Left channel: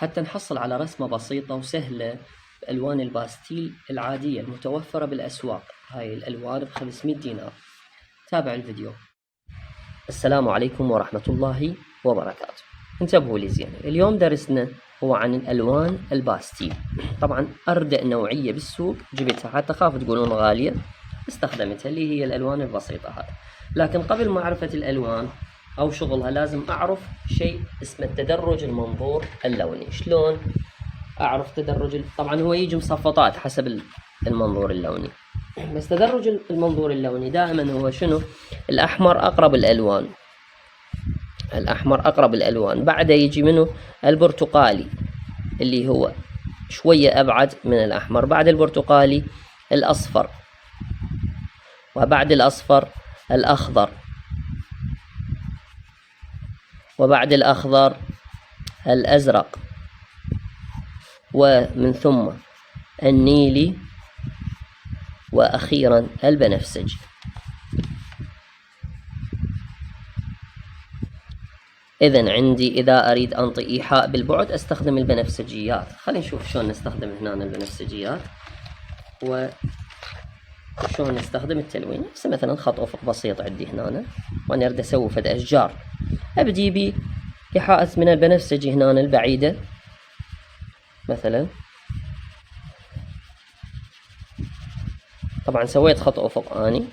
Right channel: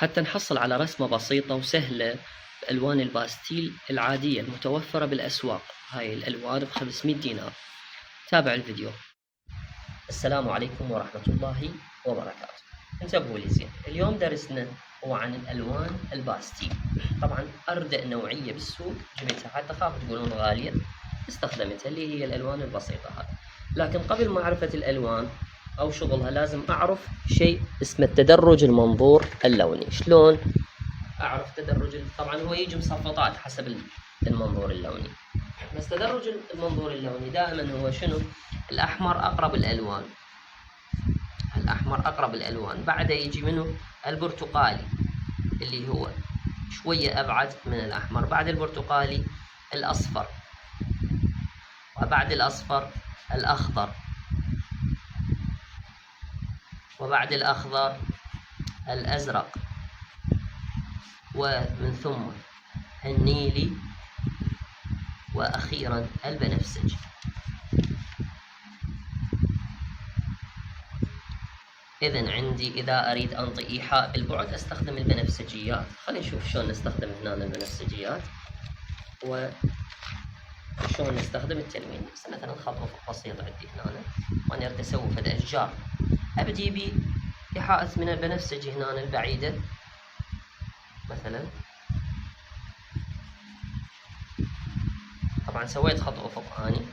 حتى نحصل على رسمة بسيطة وسهلة بألوان الباستيل العادية المتوفرة بالأسواق. هاي الألوان ب500 دينار. تابع الفيديو. السلام عليكم ورحمة الله وبركاته. انتبهوا لي زين، اليوم درسنا هو عن الألوان الباستيل. طبعا أردأ نوعية بالسوق جبتها، حتى خاف تقولون غالية استخدمتها، اللي هي الألوان البسيطة هذه. لكن قبل معرفة الألوان أو شغلها لازم أعرف شيء اسمه التدرج المنظور اللوني. شلون أعرف تدرج طبعا هو يجي مصفطات حسب المنظور اللوني، بس تدرج المنظور اللوني دائما هو شنو؟ الأحمر أقرب الألوان، الأحمر أقرب الألوان، بعده يجي منه البرتقالي اللي هو شوية أبعد من الأحمر، بعد البرتقالي الأصفر، وبعد الأصفر الأخضر، وبعد الأخضر الأزرق، ومن ثم النيلي، وأخيرا البنفسجي. إذن عندي إذا أريد أنطي إيحاء بالبعد أستخدم البنفسجيات. خلينا نشوف شلون نستخدم هنا البنفسجيات وشلون نستخدم التلوين. مثلا خط أفق بسيط عندي هنا، وأنا أريد أسوي فد أشجار، أبدي بإيحاء من البنفسجي هنا البعيدة مثلا. طبعا سويت خط أفق أني،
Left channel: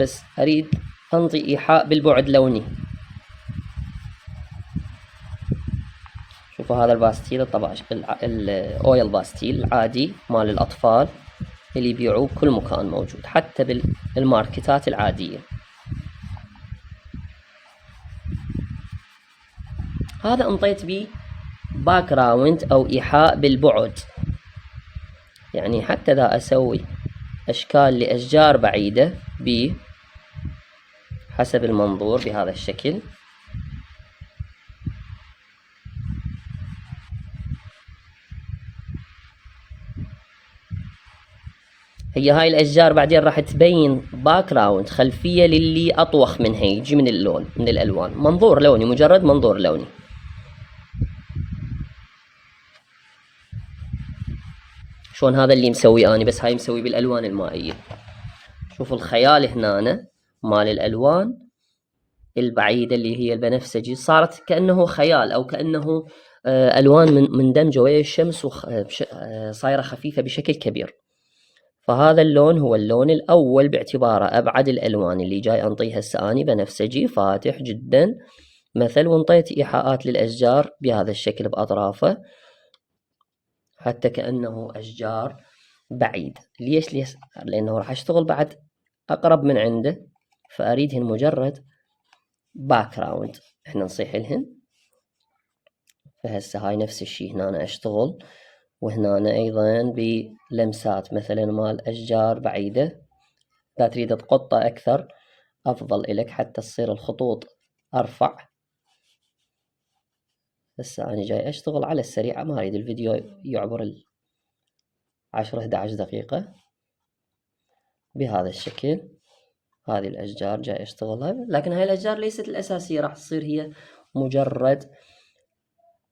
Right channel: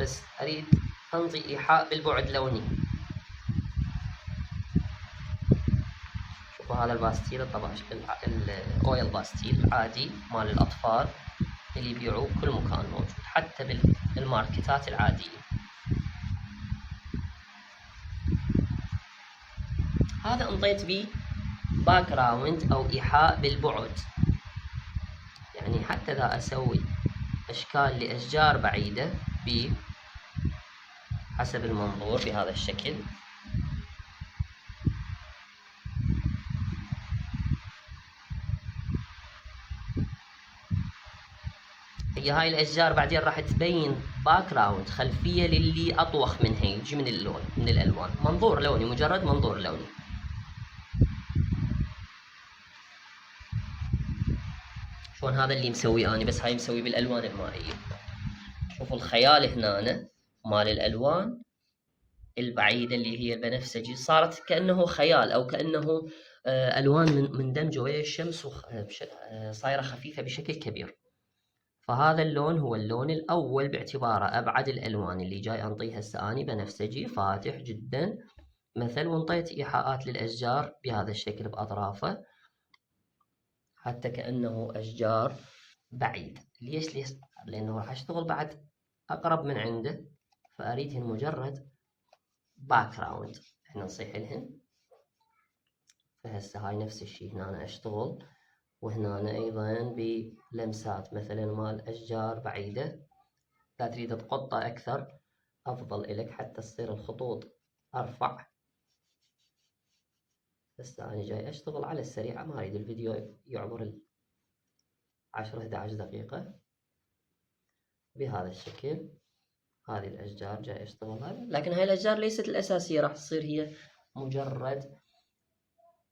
بس أريد أنطي إيحاء بالبعد لوني. شوفوا هذا الباستيل طبعا الأويل باستيل العادي مال الأطفال اللي يبيعوه بكل مكان، موجود حتى بالماركتات العادية. هذا انطيت به باك جراوند أو إيحاء بالبعد، يعني حتى إذا أسوي أشكال لأشجار بعيدة حسب المنظور بهذا الشكل. هي هاي الأشجار بعدين راح تبين باك جراوند، خلفية للي أطوخ منها، يجي من اللون من الألوان، منظور لوني، مجرد منظور لوني. شلون هذا اللي مسوي أنا، بس هاي مسوي بالألوان المائية. شوفوا الخيال هنا مال الألوان البعيدة اللي هي البنفسجي، صارت كأنه خيال أو كأنه ألوان مندمجة ويا الشمس صايرة خفيفة بشكل كبير. فهذا اللون هو اللون الأول باعتباره أبعد الألوان اللي جاي أنطيها هسه أني، بنفسجي فاتح جدا مثل، وانطيت إيحاءات للأشجار بهذا الشكل بأطرافه حتى كأنه أشجار بعيد. ليش؟ لأنه راح أشتغل بعد أقرب من عنده، فأريدهن مجرد باك جراوند احنا نصيح لهن. فهسه هاي نفس الشي هنا أنا أشتغل، وهنا أيضا بلمسات مثلا مال أشجار بعيدة. إذا تريد تقطه أكثر أفضل إلك حتى تصير الخطوط أرفع. هسه أنا جاي أشتغل على السريع، ما أريد الفيديو يعبر 10-11 دقيقة بهذا الشكل. هذه الأشجار جاي أشتغلها، لكن هاي الأشجار ليست الأساسية، راح تصير هي مجرد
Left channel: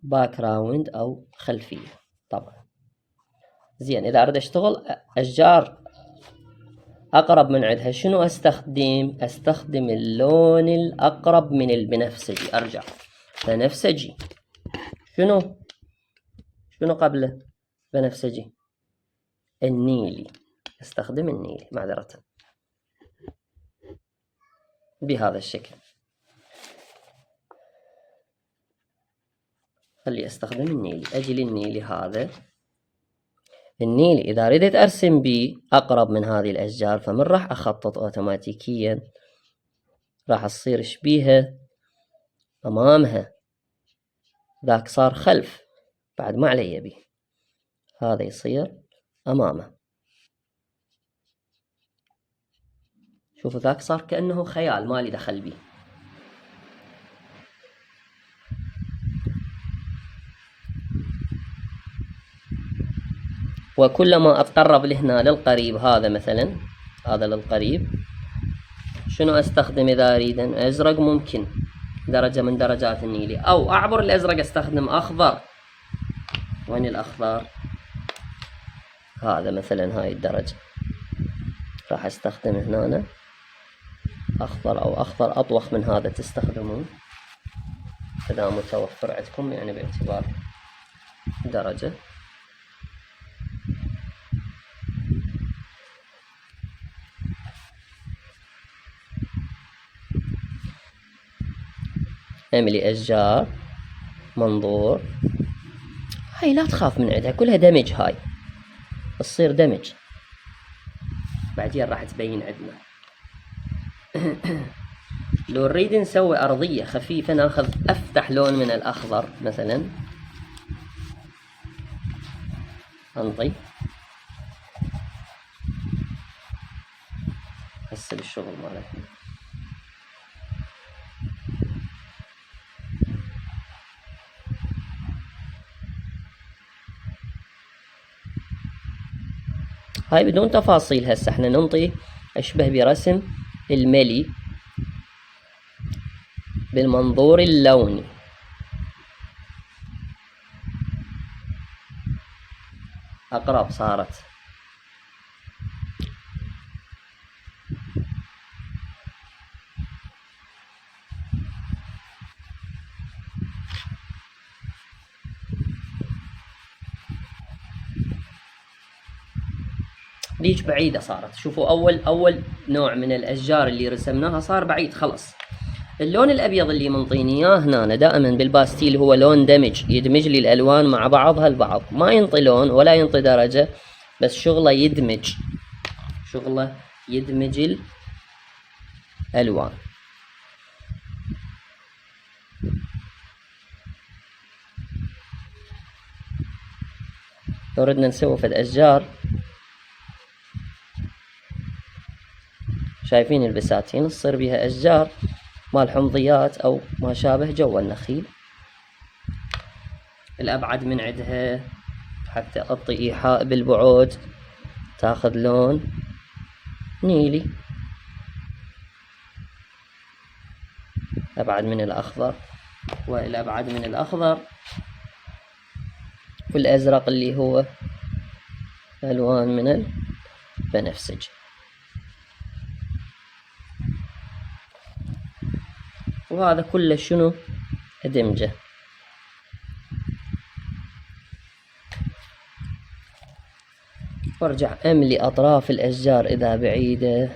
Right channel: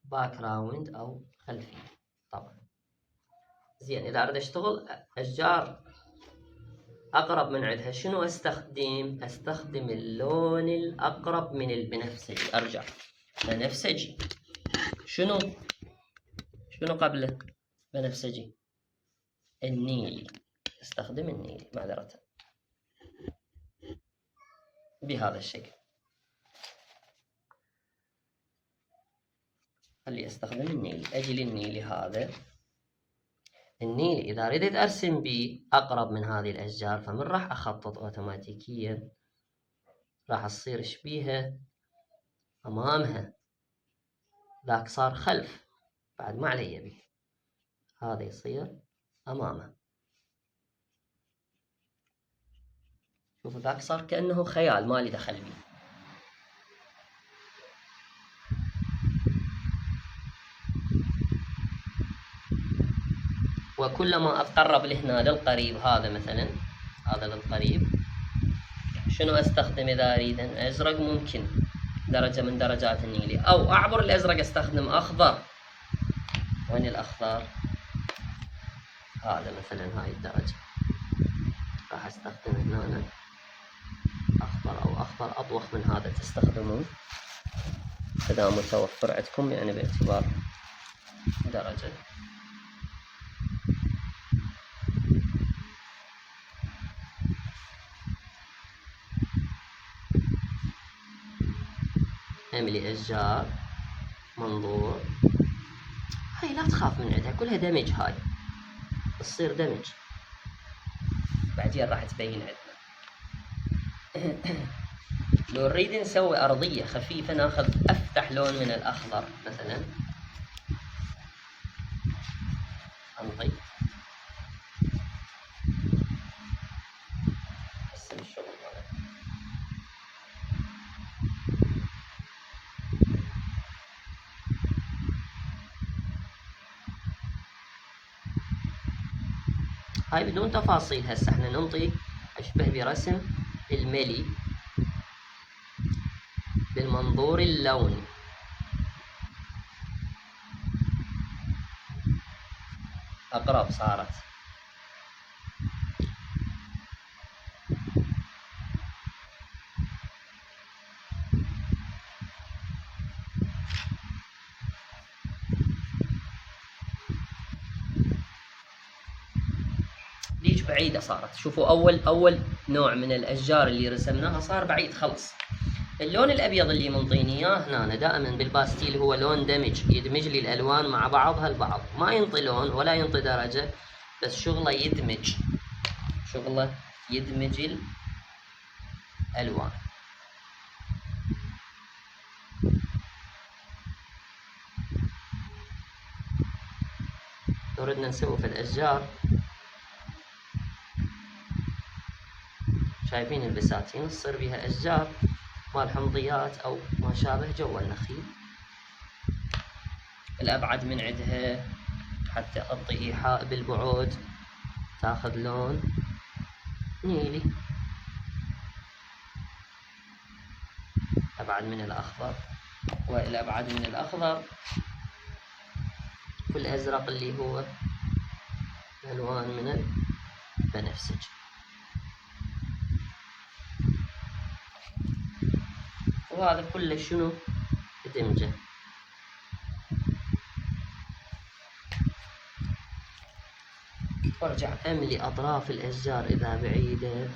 باك جراوند أو خلفية. طبعا زين، إذا أريد أشتغل أشجار أقرب من عندها شنو أستخدم؟ أستخدم اللون الأقرب من البنفسجي. أرجع بنفسجي، شنو قبله بنفسجي؟ النيلي. استخدم النيلي معذرة بهذا الشكل. خلي استخدم النيلي، اجي للنيلي. هذا النيلي اذا ردت ارسم به اقرب من هذه الاشجار، فمن راح اخطط اوتوماتيكيا راح تصير شبيهة امامها، ذاك صار خلف بعد ما علي به، هذا يصير امامه. شوفوا ذاك صار كأنه خيال مالي دخل به. وكلما أتقرب لهنا للقريب، هذا مثلا هذا للقريب، شنو أستخدم إذا أريد أزرق؟ ممكن درجة من درجات النيلي، أو أعبر الأزرق أستخدم أخضر. وين الأخضر؟ هذا مثلا هاي الدرجة راح أستخدم هنا أخضر، أو أخضر أطوخ من هذا تستخدمون إذا متوفر عندكم، يعني باعتبار درجة. املي أشجار، منظور. هاي لا تخاف من عندها، كلها دمج، هاي تصير دمج بعدين راح تبين عندنا. لو نريد نسوي أرضية خفيفة ناخذ أفتح لون من الأخضر مثلا، أنطي هسه بالشغل مالتنا. هاي بدون تفاصيل، هسه احنا ننطي أشبه برسم الملي بالمنظور اللوني. أقرب صارت. ليش بعيدة صارت؟ شوفوا أول نوع من الأشجار اللي رسمناها صار بعيد خلص. اللون الأبيض اللي منطيني إياه هنا دائما بالباستيل هو لون دمج، يدمج لي الألوان مع بعضها البعض، ما ينطي لون ولا ينطي درجة، بس شغله يدمج، شغله يدمج الألوان. لو ردنا نسوي في الأشجار، شايفين البساتين تصير بها أشجار مال حمضيات أو ما شابه جو النخيل. الأبعد من عندها حتى أعطي إيحاء بالبعد تاخذ لون نيلي، أبعد من الأخضر، والأبعد من الأخضر والأزرق اللي هو ألوان من البنفسجي. وهذا كله شنو؟ دمجه. وارجع املي اطراف الاشجار اذا بعيدة،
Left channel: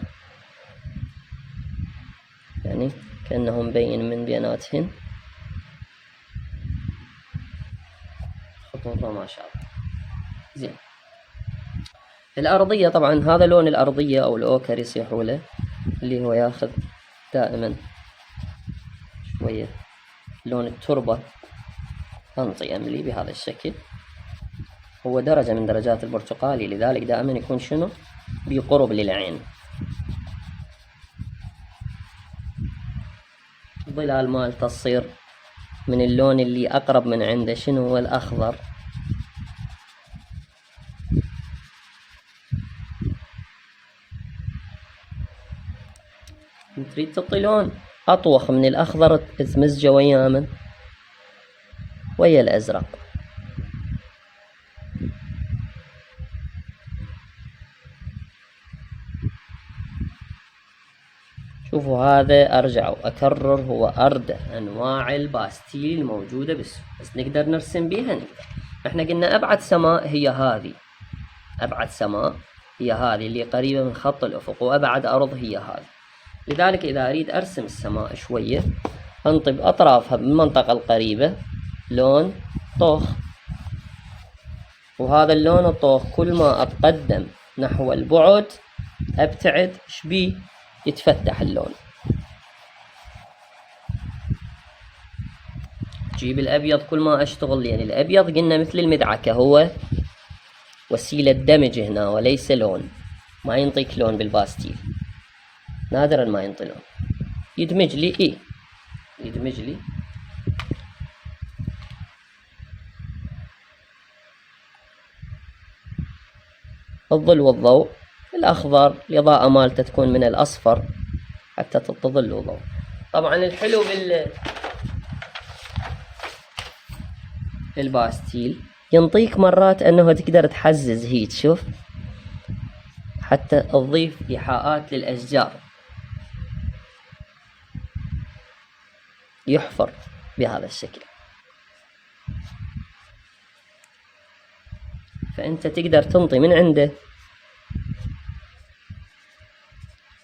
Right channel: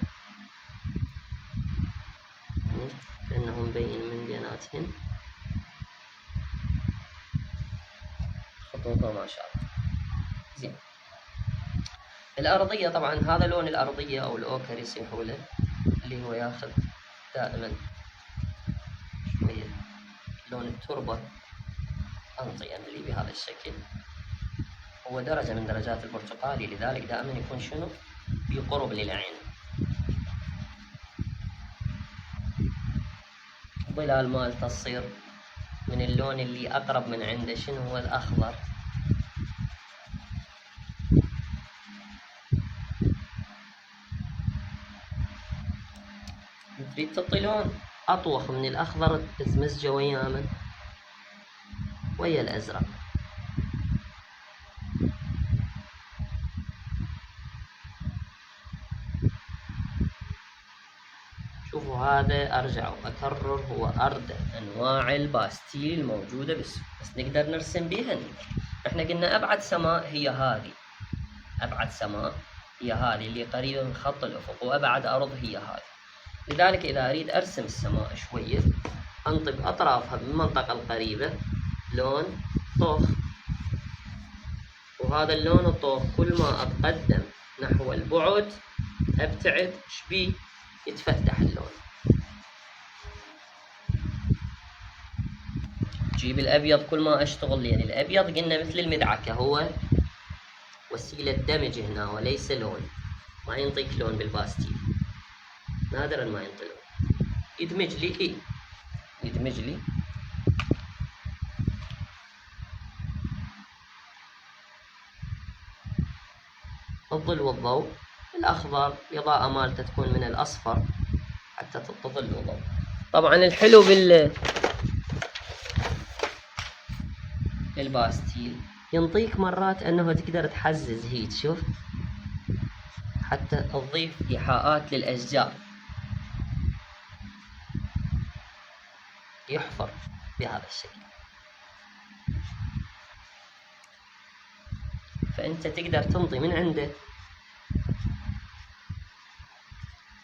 يعني كأنه مبين من بيناتهن خطوطه ما شاء الله. زين. الارضية طبعا هذا لون الارضية او الاوكر يصيحوا له، اللي هو ياخذ دائما شوية لون التربة. انطي املي بهذا الشكل، هو درجة من درجات البرتقالي، لذلك دائما يكون شنو؟ بقرب للعين. الظلال مالته تصير من اللون اللي أقرب من عنده، شنو هو؟ الأخضر. تريد تعطي لون أطوخ من الأخضر تمزجه ويا من؟ ويا الأزرق. شوفوا هذا أرجع وأكرر هو أردى أنواع الباستيل الموجودة بس نقدر نرسم بيها نقدر. احنا قلنا أبعد سماء هي هذه، أبعد سماء هي هذه اللي قريبة من خط الأفق، وأبعد أرض هي هذه. لذلك إذا أريد أرسم السماء شوية أنطي بأطرافها بالمنطقة القريبة لون طوخ، وهذا اللون الطوخ كل ما أتقدم نحو البعد أبتعد شبيه يتفتح اللون. جيب الأبيض كل ما أشتغل، يعني الأبيض قلنا مثل المدعكة هو وسيلة دمج هنا وليس لون، ما ينطيك لون بالباستيل، نادرا ما ينطي لون. يدمج لي يدمج لي الظل والضوء. الأخضر الإضاءة مالته تكون من الأصفر حتى تعطي ظل وضوء. طبعا الحلو الباستيل ينطيك مرات انه تقدر تحزز هيك، شوف، حتى تضيف إيحاءات للأشجار، يحفر بهذا الشكل. فأنت تقدر تنطي من عنده،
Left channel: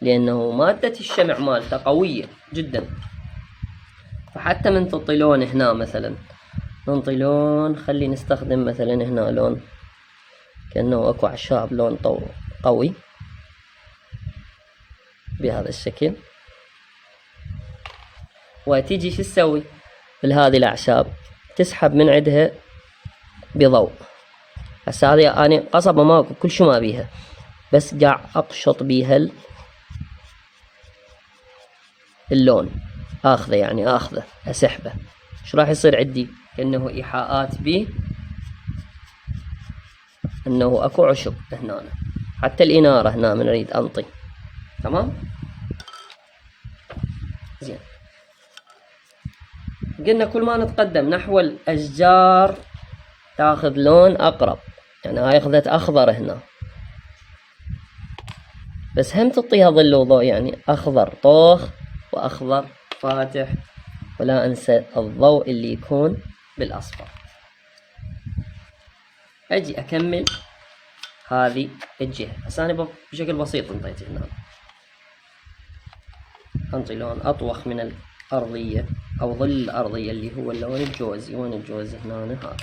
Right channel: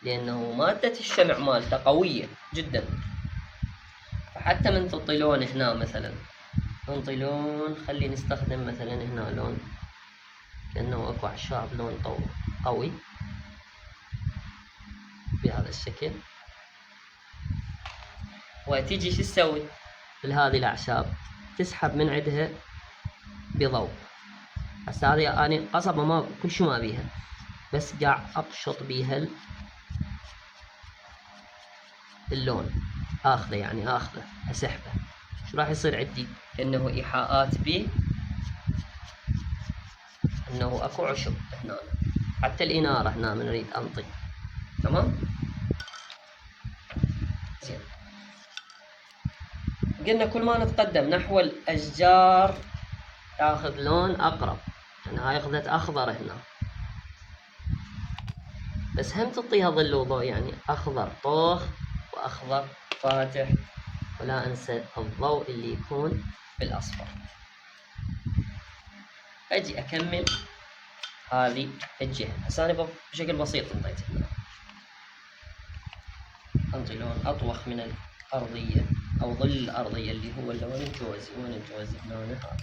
لأنه مادة الشمع مالته قوية جدا. فحتى من تعطي لون هنا مثلا، ننطي لون، خلي نستخدم مثلا هنا لون كأنه اكو اعشاب، لون قوي بهذا الشكل. وتيجي شو تسوي لهذه الاعشاب؟ تسحب من عندها بضوء. هسه هذه انا قصبة ماكو كل شو ما بيها، بس قاع اقشط بيها اللون، اخذه يعني اخذه اسحبه. ايش راح يصير عندي؟ كأنه ايحاءات بي انه اكو عشب هنا، حتى الانارة هنا من اريد انطي. تمام، زين. قلنا كل ما نتقدم نحو الاشجار تاخذ لون اقرب، يعني هاي اخذت اخضر هنا، بس هم تعطيها ظل وضوء، يعني اخضر طوخ واخضر فاتح، ولا انسى الضوء اللي يكون بالاصفر. اجي اكمل هذه الجهة. هسه انا بشكل بسيط انطيت هنا، انطي لون اطوخ من الارضية او ظل الارضية اللي هو اللون الجوزي. وين الجوزي؟ هنا هذا.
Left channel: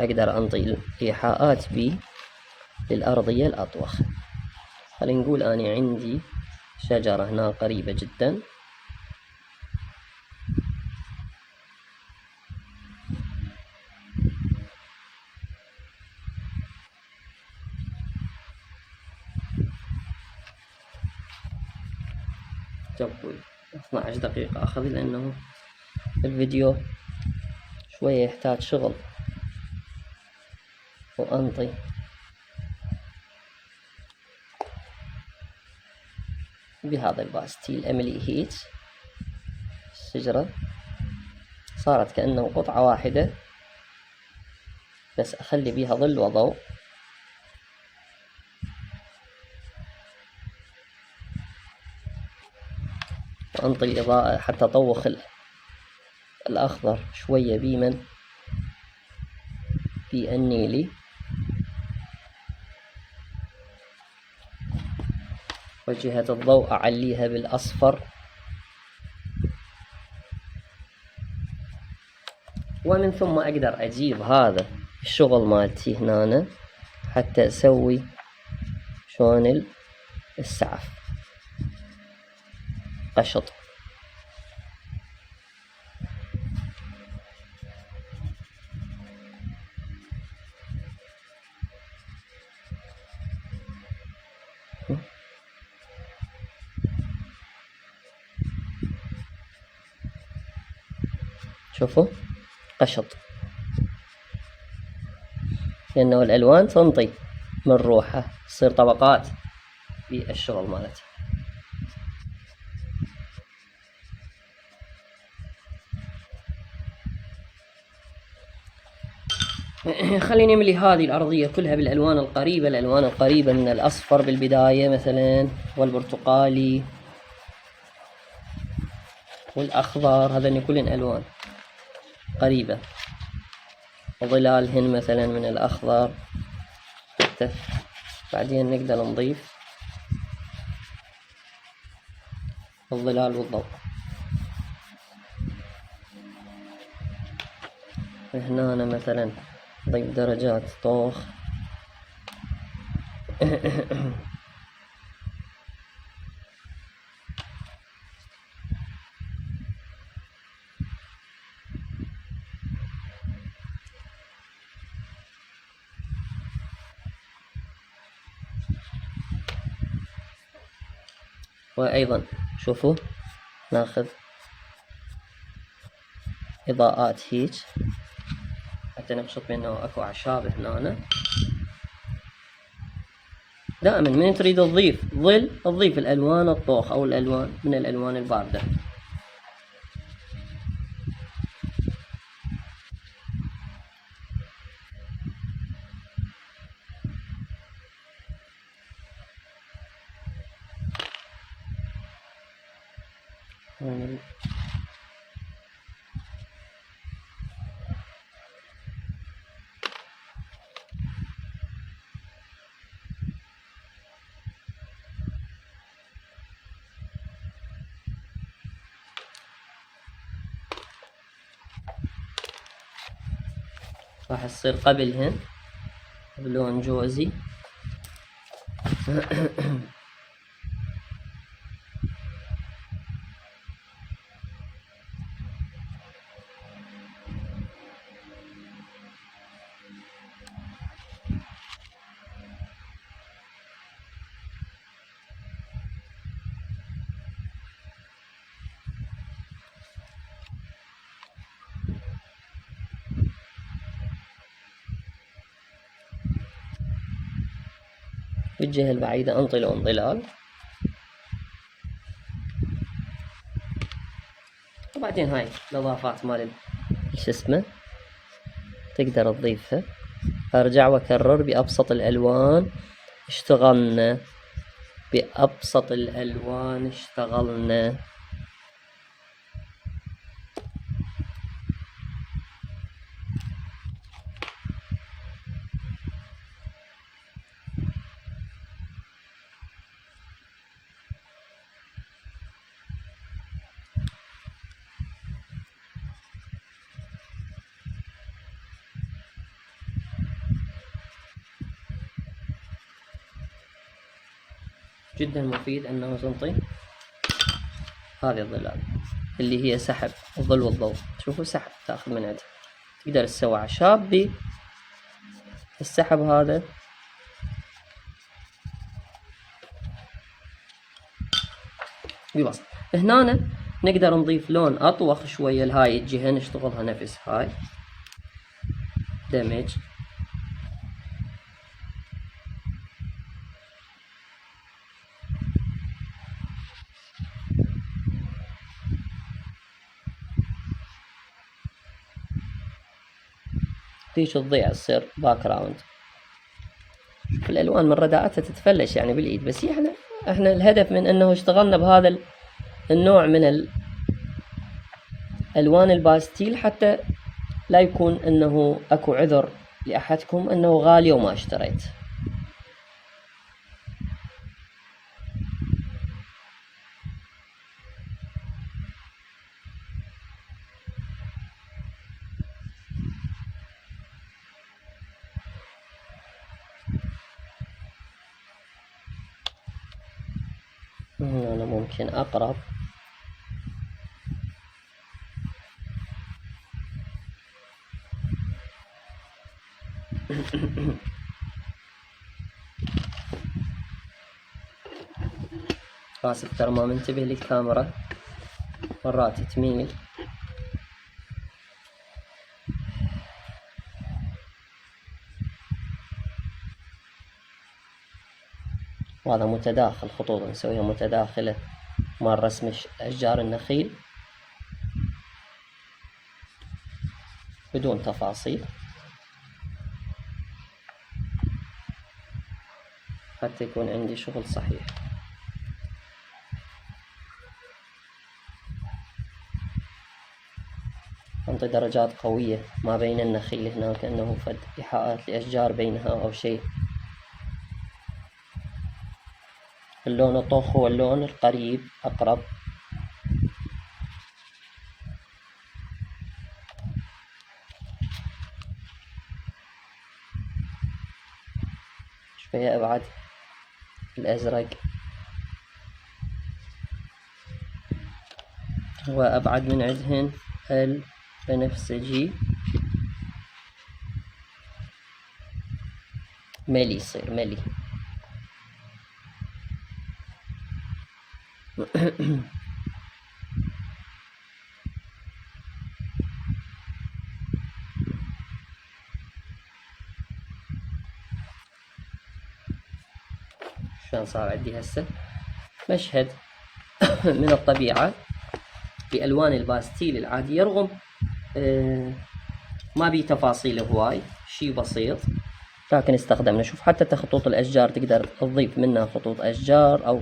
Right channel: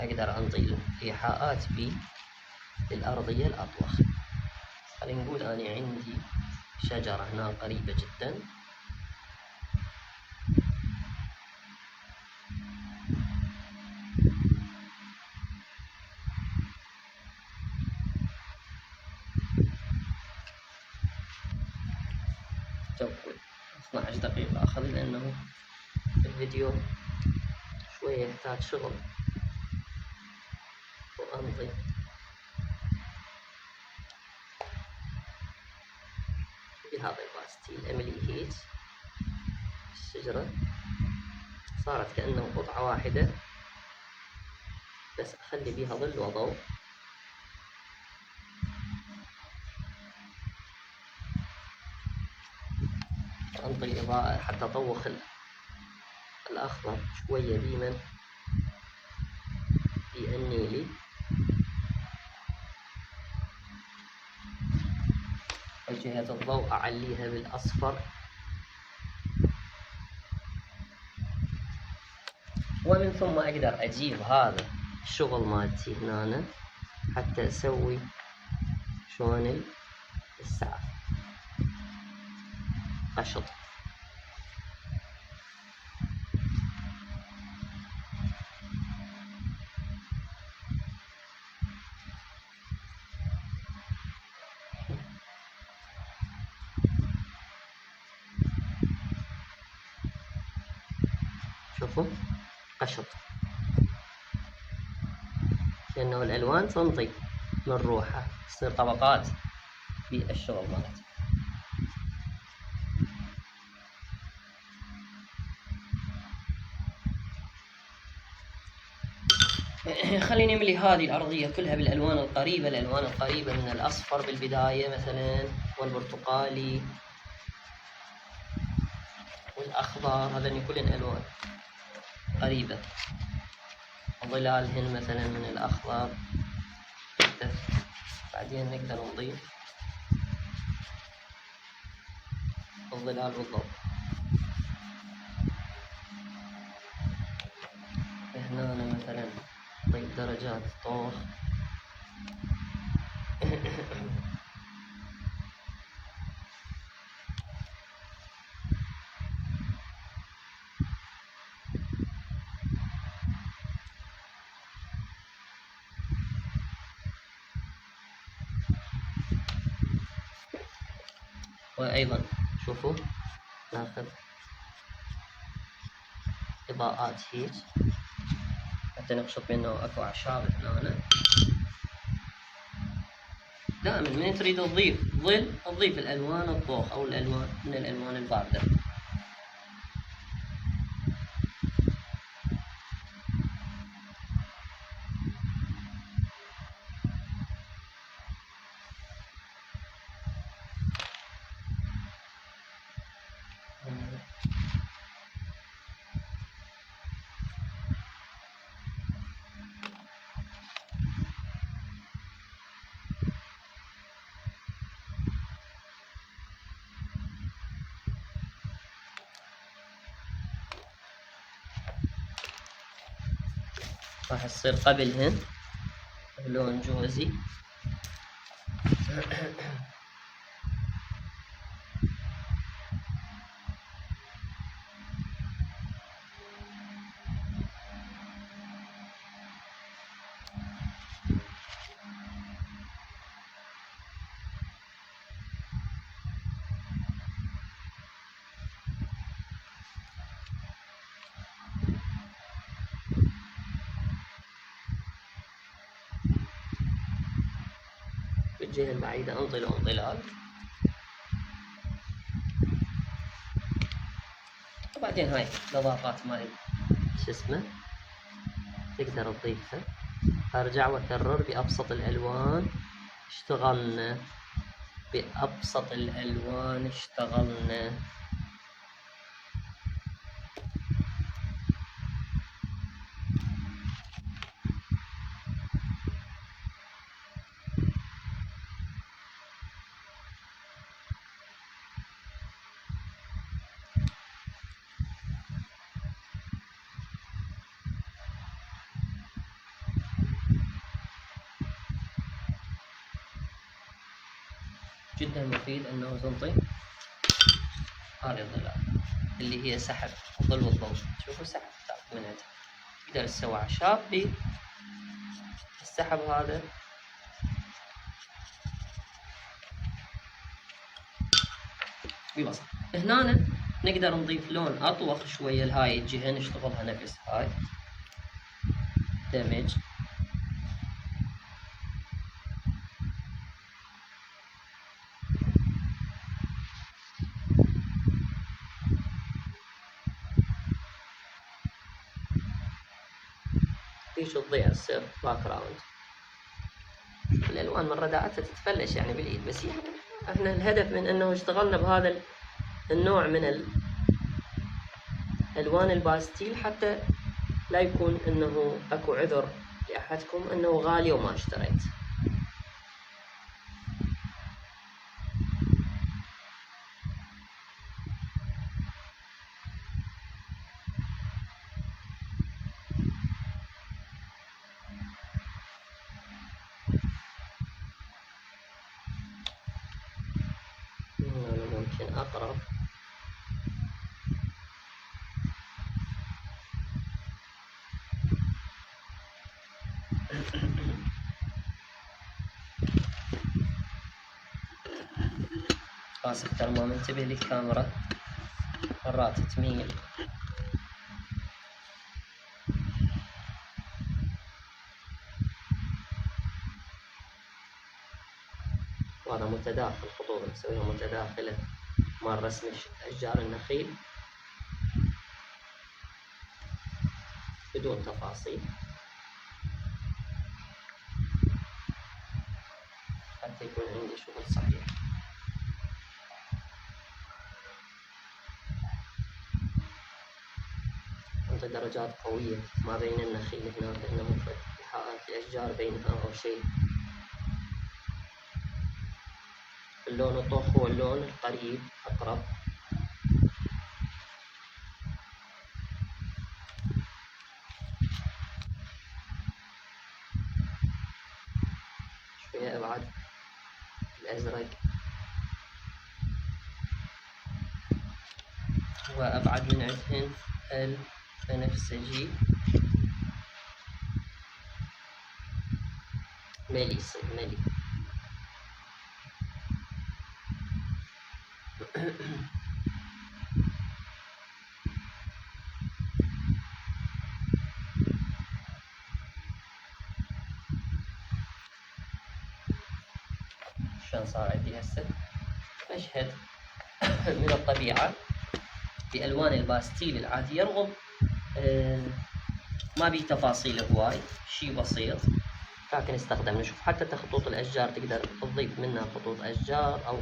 اقدر انطي ايحاءات بي للارضية الاطوخ. خلينا نقول اني عندي شجرة هنا قريبة جدا، تقول 12 دقيقة أخذ، لأنه الفيديو شوية يحتاج شغل. وأنطي بهذا الباستيل أملي هيت. الشجرة صارت كأنه قطعة واحدة، بس أخلي بيها ظل وضوء. وأنطي الإضاءة حتى أطوخ الأخضر شوية بيمن النيلي، وجهة الضوء أعليها بالأصفر. ومن ثم أقدر أجيب هذا الشغل مالتي هنا حتى أسوي شلون السعف، قشط. شوفوا قشط، لأنه الألوان تنطي من روحها، تصير طبقات بالشغل مالتها. خليني نملي هذه الأرضية كلها بالألوان القريبة، الألوان القريبة من الأصفر بالبداية مثلا، والبرتقالي والأخضر، هذين كلهن ألوان قريبة. وظلالهن مثلا من الأخضر. بعدين نقدر نضيف الظلال بالضوء. هنا أنا مثلا نضيف درجات طوخ. وأيضا شوفوا ناخذ إضاءات هيج حتى نقشط بأنه أكو أعشاب هنا. دائما من تريد تضيف ظل تضيف الألوان الطوخ أو الألوان من الألوان الباردة. راح تصير قبلهن بلون جوزي. بالجهة البعيدة انطي لون ظلال، وبعدين هاي الإضافات مال شو اسمه تقدر تضيفها. أرجع وأكرر بأبسط الألوان اشتغلنا، بأبسط الألوان اشتغلنا. جدا مفيد أنه تنطي هذه الظلال اللي هي سحب الظل والضوء. شوفوا سحب تاخذ من عندها، تقدر تسوي أعشاب بالسحب هذا. ببسط هنا نقدر نضيف لون أطوخ شوية لهاي الجهة، نشتغلها نفس هاي دمج. ليش تضيع تصير باك جراوند. الألوان من رداءتها تتفلش يعني بالإيد، بس احنا الهدف من أنه اشتغلنا بهذا النوع من الألوان الباستيل حتى لا يكون أنه أكو عذر لأحدكم أنه غالي وما اشتريت. أنا ممكن أقرب آسف ترى ما منتبه للكاميرا، مرات تميل. وهذا متداخل، خطوط نسويها متداخلة مع رسم أشجار النخيل بدون تفاصيل حتى يكون عندي شغل صحيح. أنطي درجات قوية ما بين النخيل هنا كأنه فد إيحاءات لأشجار بينها أو شيء. اللون الطوخ هو اللون القريب أقرب. شوية أبعد الأزرق وأبعد من عندهن البنفسجي. ملي يصير ملي. شلون صار عندي هسه مشهد من الطبيعة بألوان الباستيل العادية، رغم ما بي تفاصيل هواي، شي بسيط لكن استخدمنا. شوف حتى خطوط الأشجار تقدر تضيف منها خطوط أشجار أو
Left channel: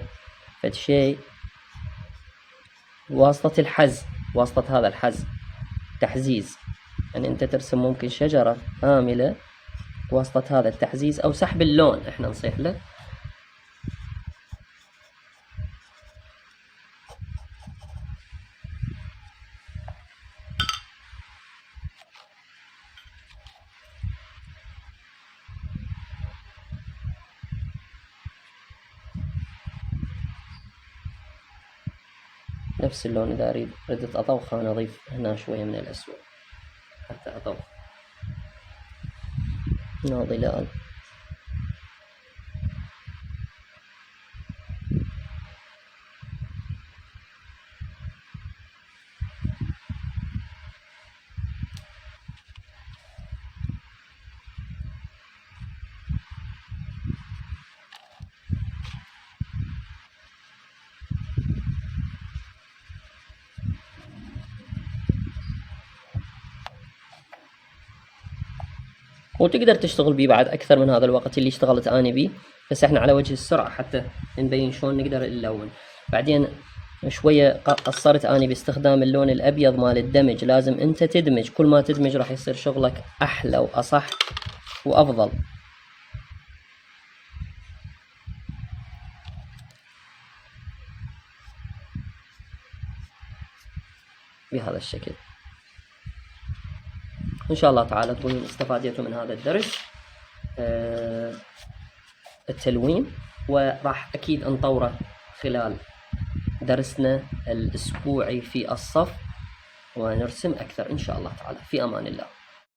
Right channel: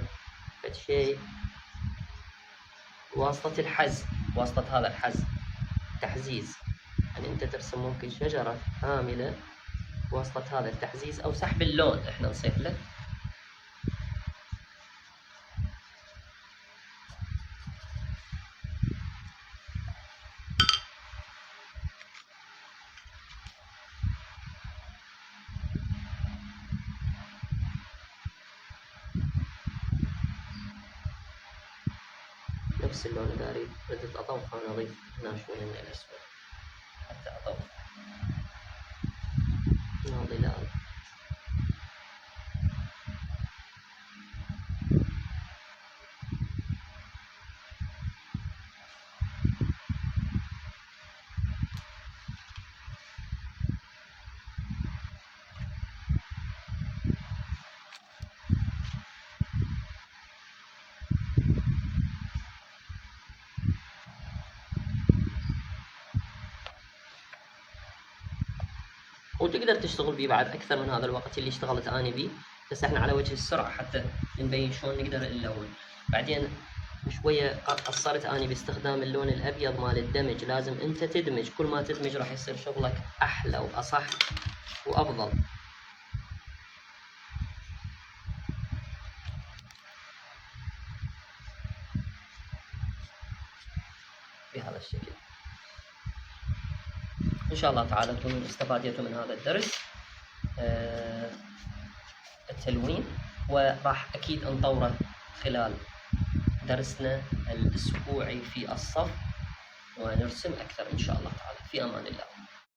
فد شيء. واسطة الحز، واسطة هذا الحز تحزيز، يعني أنت ترسم ممكن شجرة كاملة بواسطة هذا التحزيز أو سحب اللون إحنا نصيح له. نفس اللون إذا ردت أطوخه نضيف هنا شوية من الأسود حتى أطوخ هنا ظلال. وتقدر تشتغل بيه بعد أكثر من هذا الوقت اللي اشتغلت أنا بيه، بس احنا على وجه السرعة حتى نبين شلون نقدر نلون. بعدين شوية قصرت أنا باستخدام اللون الأبيض مال الدمج، لازم أنت تدمج، كل ما تدمج راح يصير شغلك أحلى وأصح وأفضل. بهذا الشكل. إن شاء الله تعالى تكونوا استفادتوا من هذا الدرس التلوين، وراح أكيد نطوره خلال درسنا الأسبوعي في الصف ونرسم أكثر إن شاء الله تعالى. في أمان الله.